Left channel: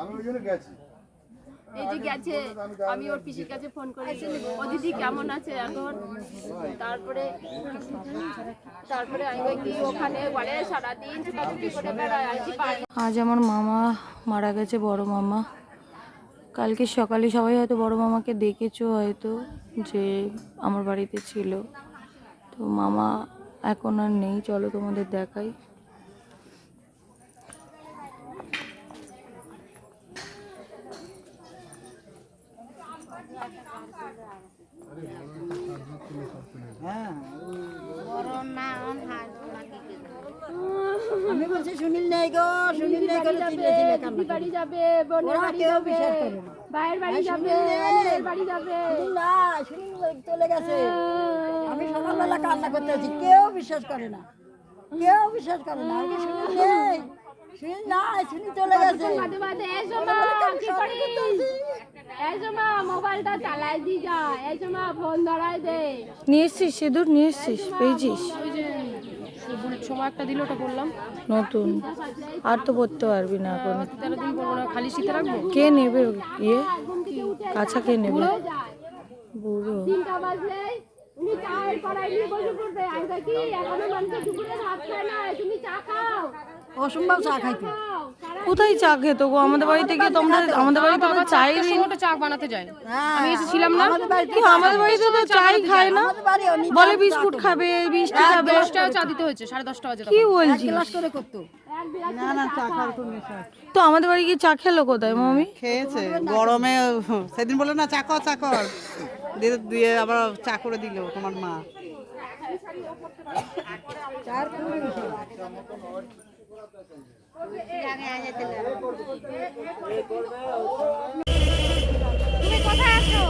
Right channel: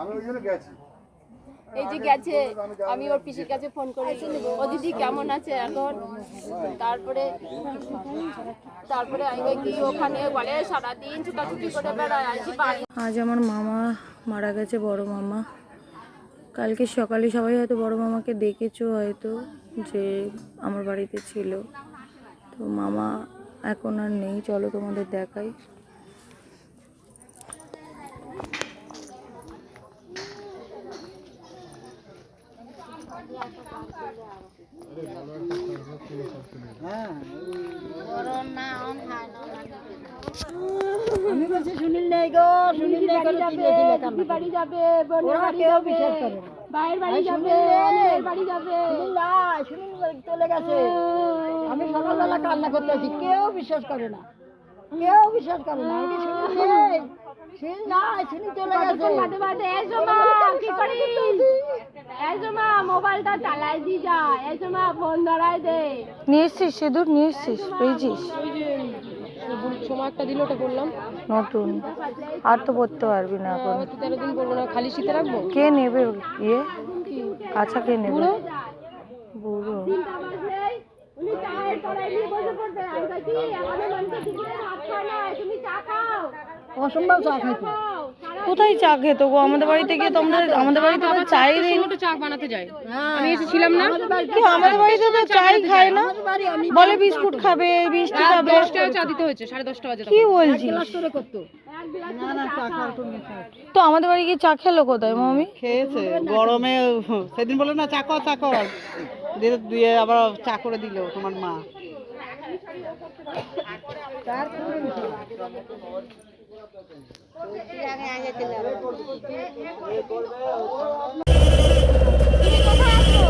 আমি ওই জন্য গেছি। এই যে গেছে, আমি ওর পিসির কাছে ফোন করেছি, ও দিদি কেমন আছে এখন। তারপরে আমি কি ওখানে বলে সারাদিন ছুটাছুটি করে বেড়ায়। আজ আমার মামা মারা গেছে, বড় মামা। কালকে সকালে সবাই হয়তো বড় মামাকে দেখেছো, হয়তো যে আমার বাড়িতে ছিল। তো মামা এখন আর নেই, চলো তোমাদের দেখাই। আমি বলছি সুনীল নেই গো, সুনীল নেই গো, দিদি বাড়ি যাবে, বোনের বাড়ি যাবে, ভাইয়ের বাড়ি যাবে, আলির বাড়ি যাবে। না সুনীল চলে গেছে। আমি সকালবেলা কান্না করতে আছি, কেউ বিশ্বাস করে না, কেউ বিশ্বাস করে না। আমি সুনীল নেই, সুনীল নাই, সুনীল চলে গেছে। বাদে বাদে এসো মা, কি করিস? এসো মা, মোবাইলটা চালাই দি যা, এসো মা, ফোন ধরাই দে। নিয়ে এসছিস সিঁদুর, নিয়ে এসছিস, পেয়েছিস? সময় একটা দিল, ওটা বললাম নতুন, আর তো পড়তে পারবি না এখন। দিন করবো না, খালি শীতে রাখবো। কে নেবে ইয়ে আচ্ছা, কে নেবে? বুড়ো তিনটা বাজলেই উনি চায়ের কড়াই নিয়ে বসে পড়বে। আমি কি এখনো মানুষ দুপুরে ভাত খায় না, তুমি চা খাও। অসম্ভব চা খাইতো। কোথায় চা খেত গো? আমাদের বাড়িতে গিয়ে তোমরা, আমাদের বাড়িতে তো চাই নেই, চা বানাতে যায়। আমি এসেছিলাম না, আমাদের বাড়িতে তো চাই খায় না, বলে বিস্কুট খাবে, মিষ্টি খাবে। 10 টাকা চা দিতে হয়েছে, 10:30 বাজে। কি বলছিস? ক্লাস করে করতো। তো আমাদের বাড়ি গিয়ে চা খেলো কোথায় মামি? খেয়েছে গরমে, সেদিন বলে না চাকর চাকর দিয়ে আবার চা করে দিল তোমার মা। তুমি কোথায় আছো?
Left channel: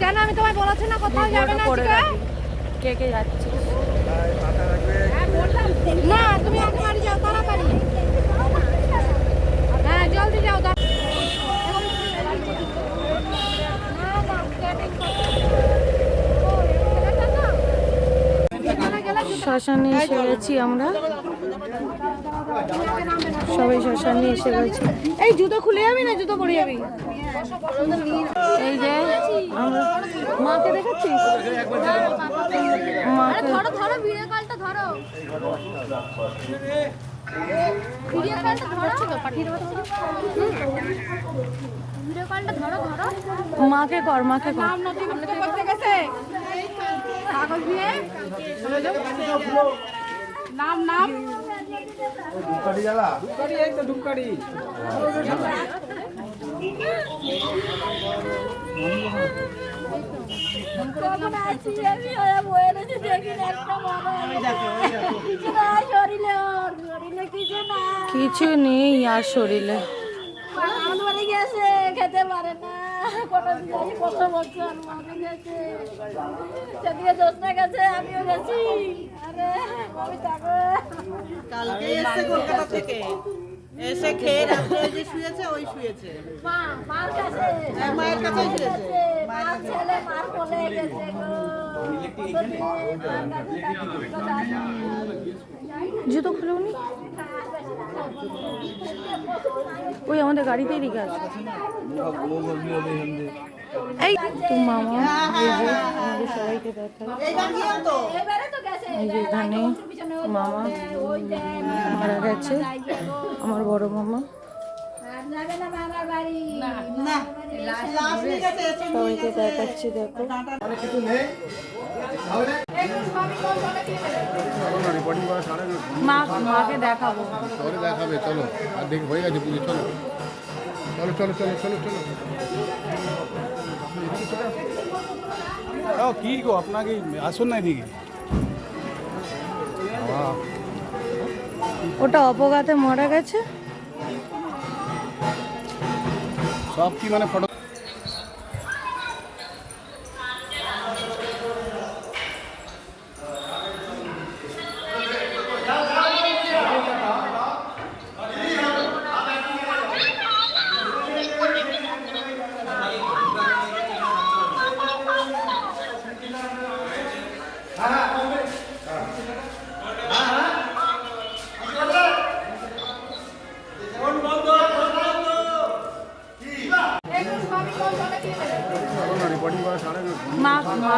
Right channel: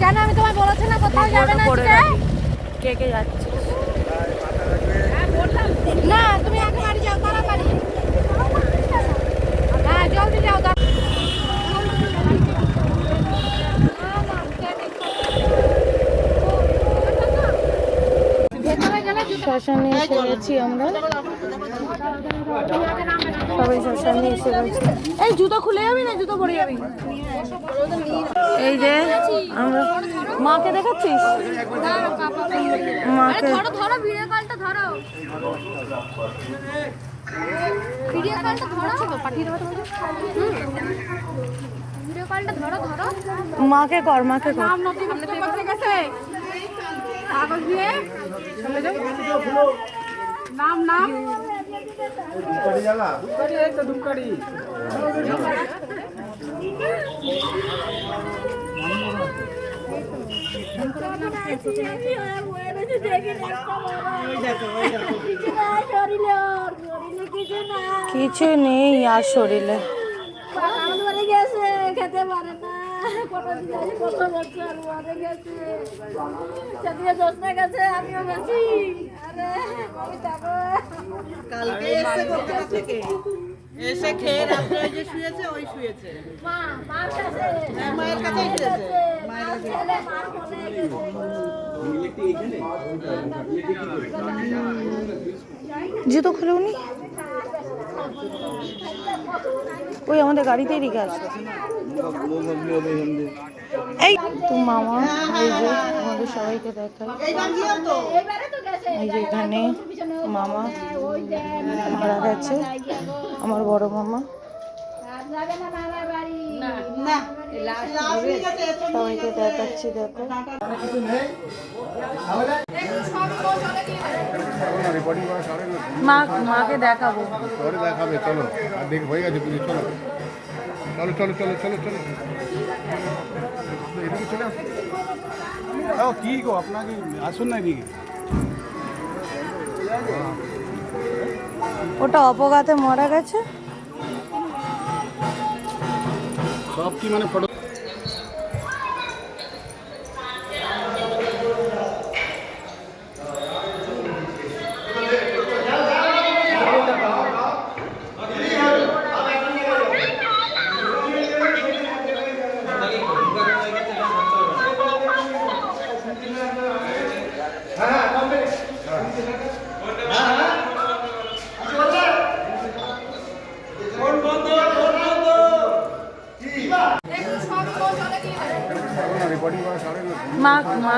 কেন আমি তোমায় বলেছি না কোথাও যাবে না আজকে? কে কে যাচ্ছে? না তুমি আগে বাড়ি যাও, তাড়াতাড়ি। হ্যাঁ জলদি যাও। শ্মশানে এসে গেছি আমরা, সবাই শ্মশানে এসে গেছি। এই জুতো খুলে যাবি না, জুতো পরে যাবি। এই যে আমরা মাকে দেখাচ্ছিস, মাকে ধরো ভিডিও কলটা ধরো, ভিডিও কলটা ধরো তো পাঠিয়ে দেবো তোমাকে। ভিডিও কলটা ধরো ধরো, মাকে কর, মাকে কর। নাম নথিভুক্ত করতে গেছে কাগজ দিয়ে, নাম নাম ধূপকাঠি জ্বালা, ধূপকাঠি, এই তো ধূপকাঠি। কিছু নেই আর শরীরে। গেছে, খেতে পারে না, কত বছর মরে গেছে। সেদিকে জোৎস্না গেছে, আমিও গেছি। আরে আমি থাকো। কালকে এসে কলকাতা থেকে এসে খেয়ে রাত্রে ওই যে শুয়েছে, ওই শুয়েছে মা, মার কাছে, মায়ের কাছেই শুয়েছে। মার ছেলে, মার কোলে গেছে। জুতো খুলে উনি ওই আমাদের গাড়িতেই রেখে আসবে। এই তো মামা, এই যে আমাদের সবাইকে দেখাই, এই যে এখানে মামা মারা গেছে, আমার বড় মামা। সবাইকে দেখাচ্ছি, দেখো। মাকে দেখাবো, পরে দেখাবে, চলো। আর দেখে হয়ে গেছে পুজো, চলো চলো চলো চলো চলো চলো। কি গো, আপনাকে আসুন না এদিকে। ওটা অপঘাতে মারা গেছে। সব কি মানে ফটো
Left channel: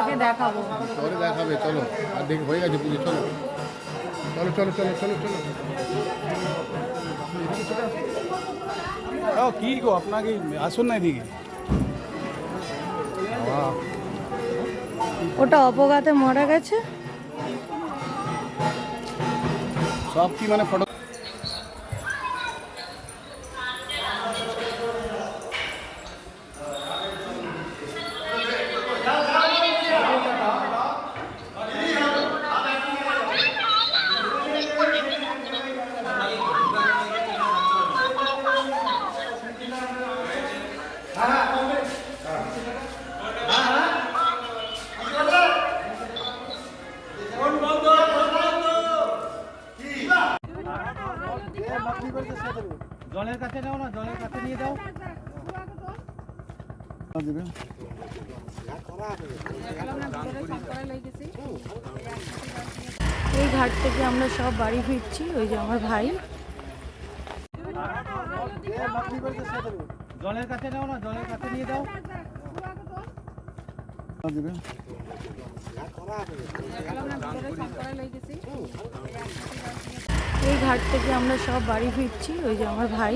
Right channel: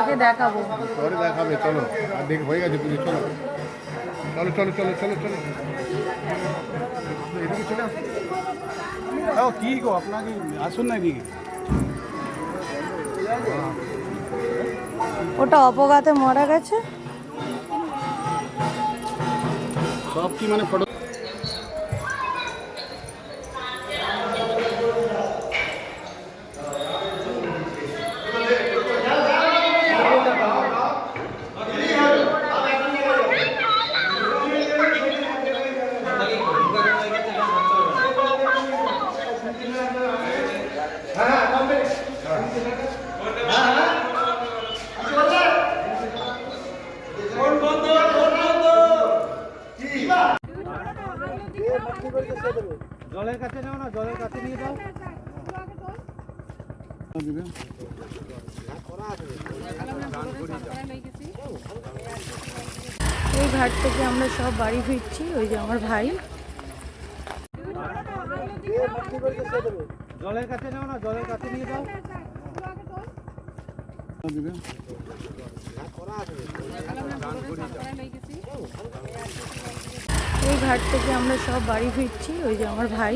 মাকে দেখাবো। পরে দেখাবে, চলো। আর দেখ হয়ে গেছে পুজো, চলো চলো চলো চলো চলো চলো। এদিকে চলে আসো। কি গো আপনাকে আসুন না এদিকে। ওটা অপঘাতে মারা গেছে। সব কি মানে ফটো জলের কাছে নাও না, জলের কাছে নিয়ে যাও। এই ঘাট থেকে আমরা সব বাড়ি ফিরছি। ওই যে আমার ভাই। জলের কাছে নাও না, জলের কাছে নিয়ে যাও। এই ঘাট থেকে আমরা সব বাড়ি ফিরছি। ওই যে আমার ভাই।